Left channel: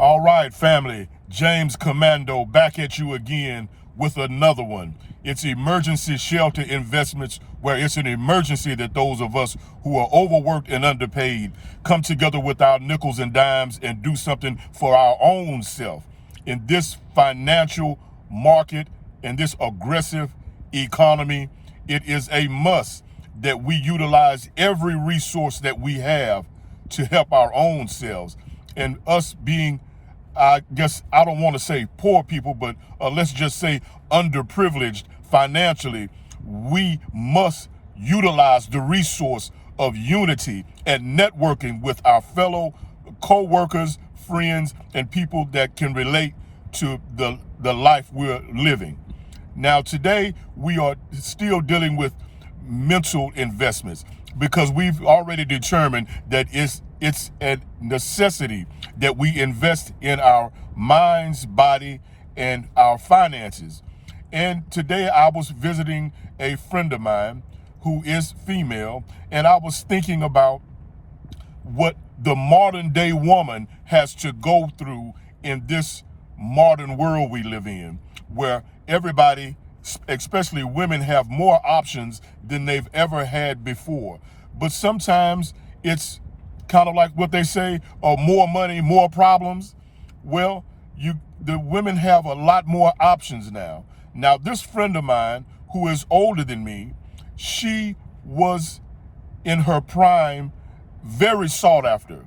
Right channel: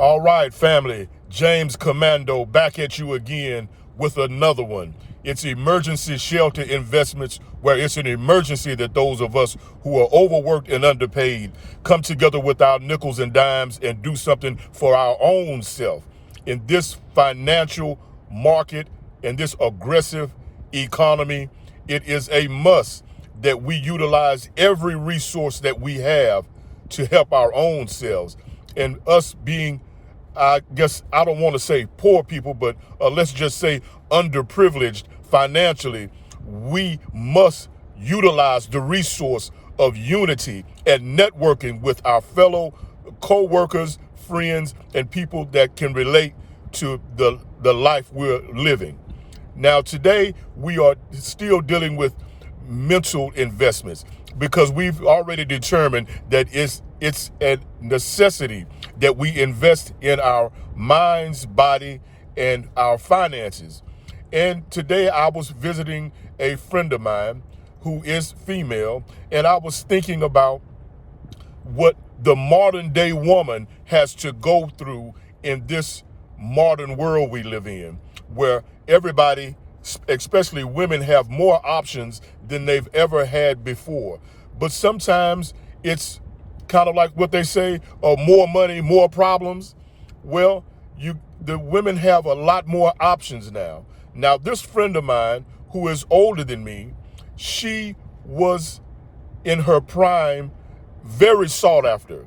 All right, family. James Commando back at you again with another one. It's emergency shelter investments, where it's an emergency that those of us who are overworked and underpaid come together with our nickels and dimes and do something for our own self. In this financial market, in this aggressive economy, it is a must that we utilize every resource that we have to help our own selves. And us being, I guess I don't want to say poor people, but let's just say underprivileged financially, we must utilize the resource of unity and networking with our fellow co-workers, friends, and people that can relate to the life we're living. Now, today we are still dealing with mental investments because we've already determined that it's a necessity that we invest in our minds, body, and our finances. And today I was visiting a friend of mine who is female, and I was thinking about what the modern day woman has to go through in this modern world we live in, where everybody, especially women, have more options than they've ever had before. But sometimes it's kind of like what they say, more money, more problems. Well, the women have a lot more options now. Now, this friend of mine who is older than me, she was in her prime, very sought after.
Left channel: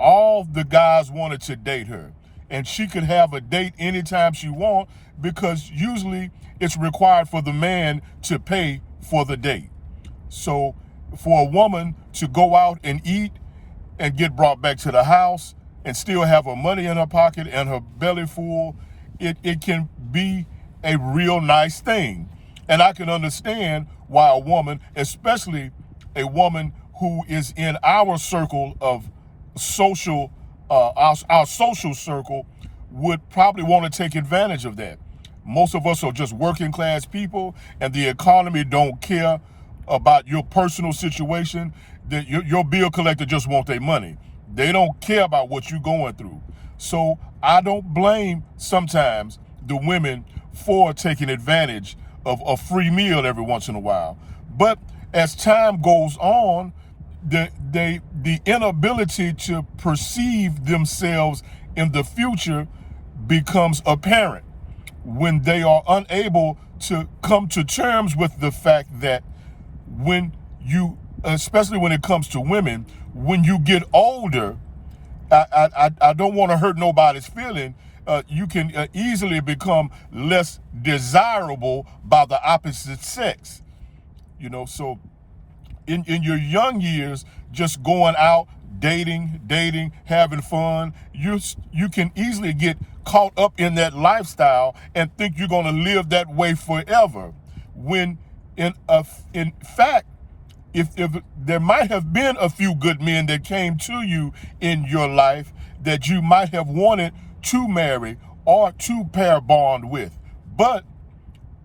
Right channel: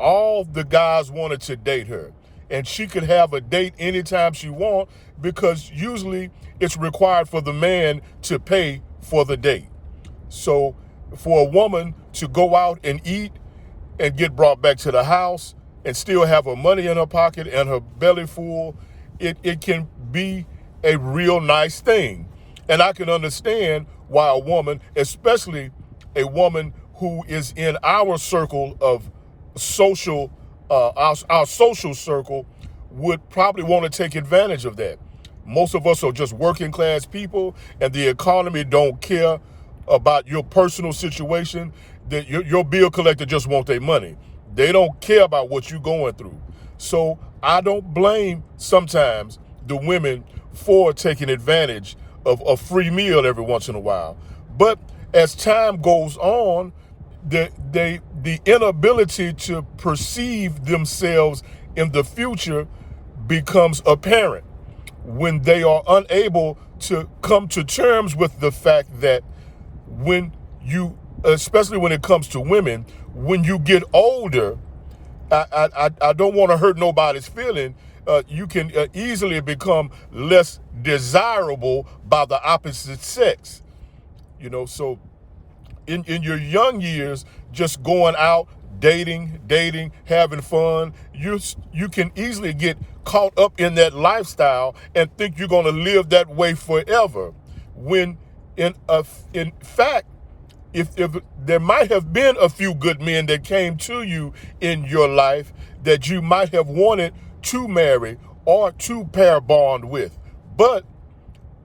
All the guys wanted to date her, and she could have a date anytime she want, because usually it's required for the man to pay for the date. So for a woman to go out and eat and get brought back to the house and still have her money in her pocket and her belly full, it can be a real nice thing. And I can understand why a woman, especially a woman who is in our circle of social, our social circle, would probably want to take advantage of that. Most of us are just working class people, and the economy don't care about your personal situation. Your bill collector just want their money. They don't care about what you're going through. So I don't blame sometimes the women for taking advantage of a free meal every once in a while. But as time goes on, the inability to perceive themselves in the future becomes apparent when they are unable to come to terms with the fact that when you, especially when it comes to women, when you get older, I don't want to hurt nobody's feeling. You can easily become less desirable by the opposite sex. So in your young years, just going out, dating, having fun, you can easily get caught up in that lifestyle and think you're going to live that way forever. When in fact, if there might have been a few good men that came to you in your life that you might have wanted to marry or to pair bond with, but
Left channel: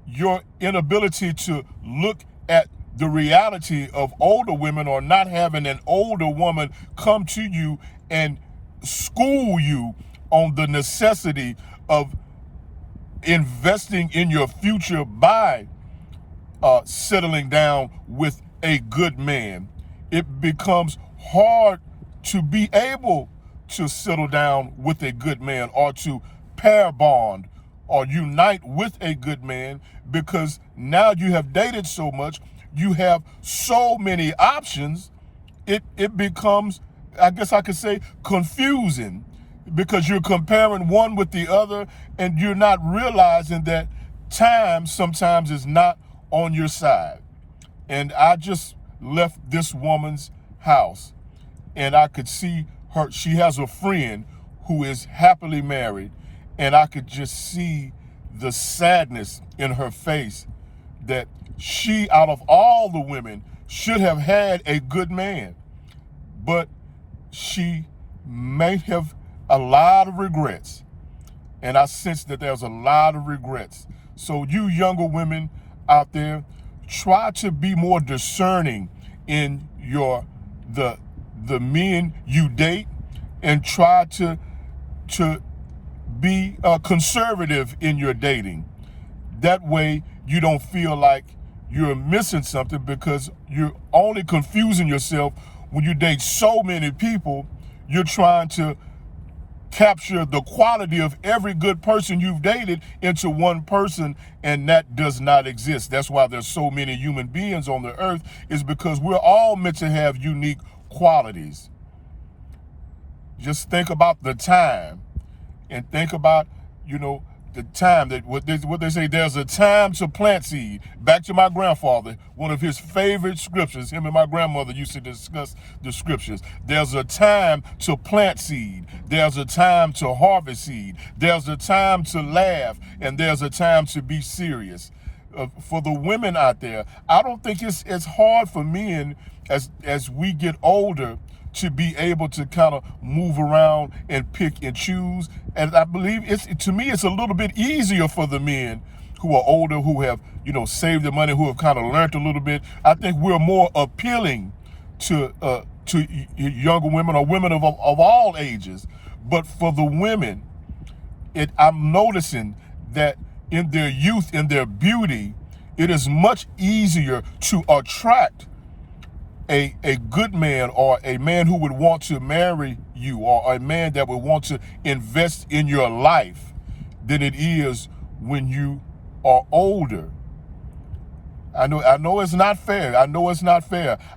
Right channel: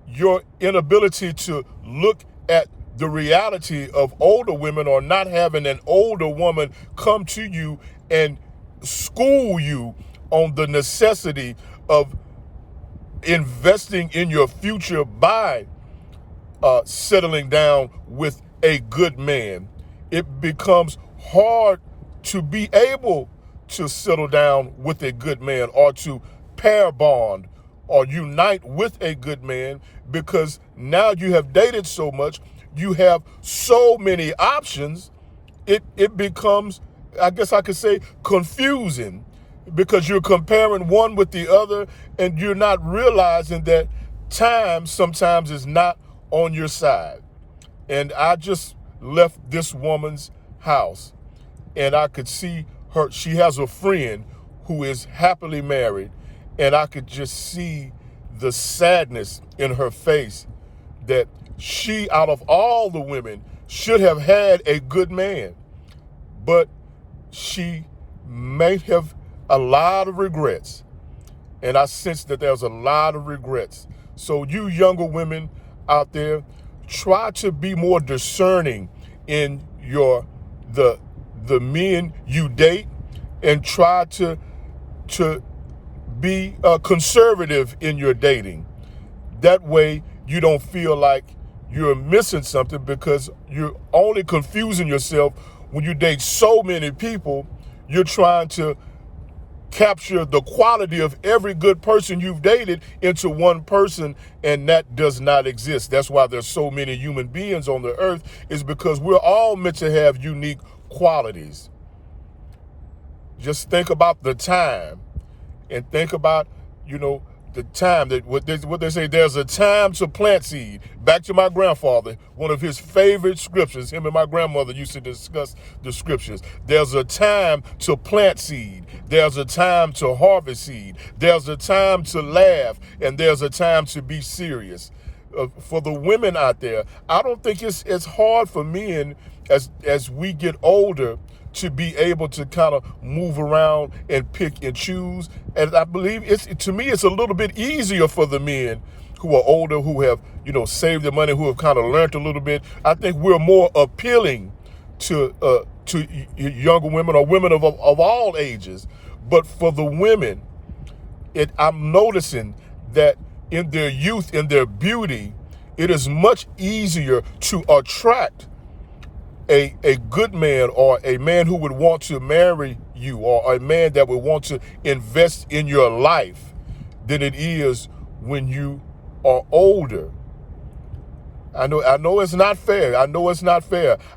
your inability to look at the reality of older women, or not having an older woman come to you and school you on the necessity of investing in your future by settling down with a good man, it becomes hard to be able to settle down with a good man or to pair bond or unite with a good man, because now you have dated so much, you have so many options, it becomes, I guess I could say, confusing, because you're comparing one with the other and you're not realizing that time sometimes is not on your side. And I just left this woman's house and I could see her, she has a friend who is happily married, and I could just see the sadness in her face that she, out of all the women, should have had a good man, but she may have a lot of regrets. And I sense that there's a lot of regrets. So you younger women out there, try to be more discerning in the men you date, and try to to be conservative in your dating. That way you don't feel like you're missing something, because you're only confusing yourself when you date so many people. You're trying to capture the quality of every good person you've dated into one person, and that does not exist. That's why there's so many human beings on the earth, is because we're all meant to have unique qualities. Just think about the time, and think about, the time that what they say, there's a time to plant seed. Back to my grandfather, one of his favorite scriptures, him and my grandmother used to discuss the scriptures. There's a time to plant seed. There's a time to harvest seed. There's a time to laugh, and there's a time to be serious. For the women out there, I don't think it's hard for men as we get older to be able to kind of move around and pick and choose. And I believe to me, it's a little bit easier for the men who are older, who have, saved their money, who have kind of learned a little bit. I think we're more appealing to younger women, or women of all ages. But for the women, I'm noticing that in their youth, in their beauty, it is much easier to attract a good man, or a man who would want to marry you, or a man that would want to invest in your life, than it is when you are older. I know it's not fair.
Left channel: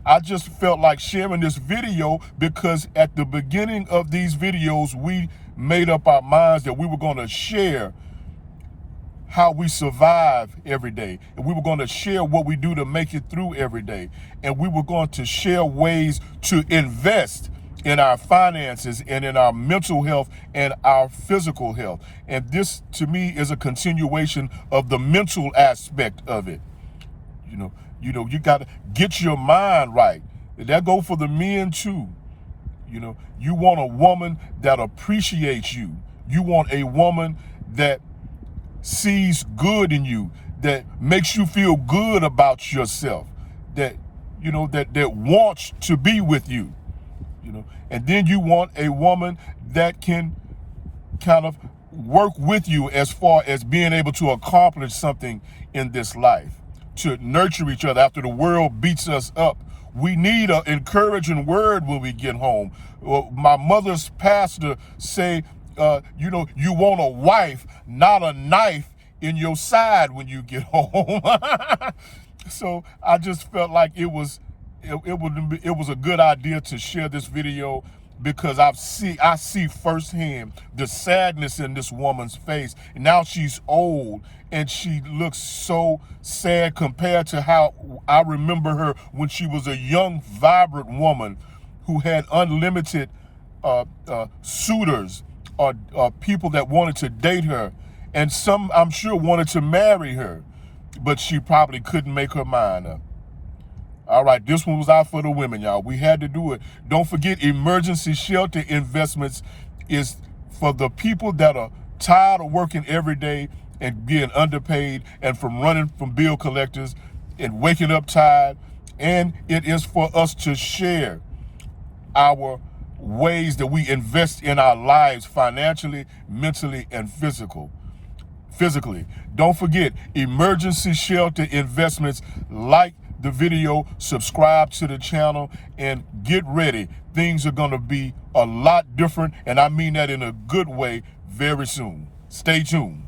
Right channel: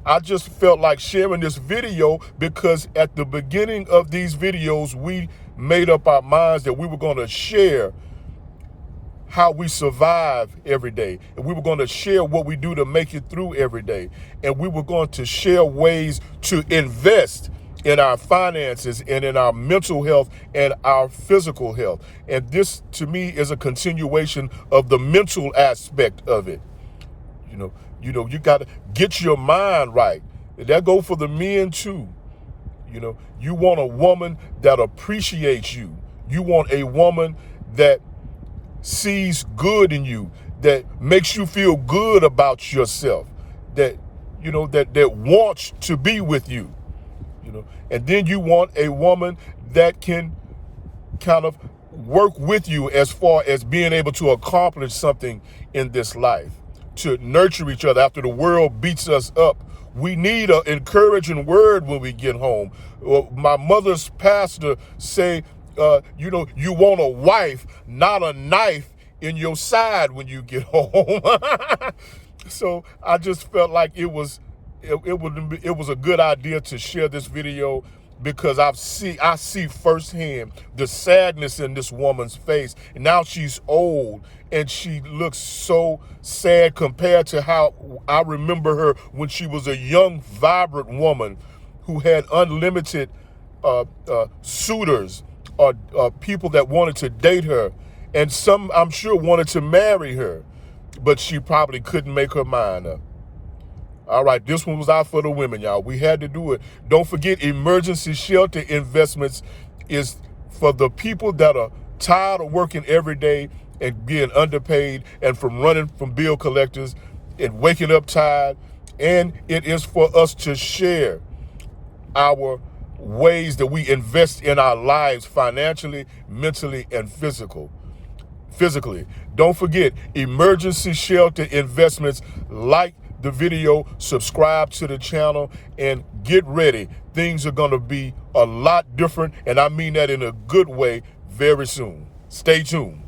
I just felt like sharing this video because at the beginning of these videos, we made up our minds that we were going to share how we survive every day, and we were going to share what we do to make it through every day, and we were going to share ways to invest in our finances and in our mental health and our physical health. And this, to me, is a continuation of the mental aspect of it. You got to get your mind right. That go for the men too. You want a woman that appreciates you. You want a woman that sees good in you, that makes you feel good about yourself, that wants to be with you. And then you want a woman that can kind of work with you as far as being able to accomplish something in this life, to nurture each other after the world beats us up. We need an encouraging word when we get home. My mother's pastor say, you want a wife, not a knife in your side when you get home. So I just felt like it was a good idea to share this video, because I see firsthand the sadness in this woman's face. And now she's old, and she looks so sad compared to how I remember her when she was a young, vibrant woman who had unlimited suitors, or people that wanted to date her, and some, I'm sure, wanted to marry her, but she probably couldn't make her mind up. All right, this one was out for the women, y'all. We had to do it. Don't forget, emergency shelter investments is for the people that are tired of working every day and being underpaid, and from running from bill collectors and waking up tired. And it is for us to share our ways that we invest in our lives financially, mentally, and physically. Don't forget, emergency shelter investments. Like the video, subscribe to the channel, and get ready. Things are going to be a lot different, and I mean that in a good way, very soon. Stay tuned.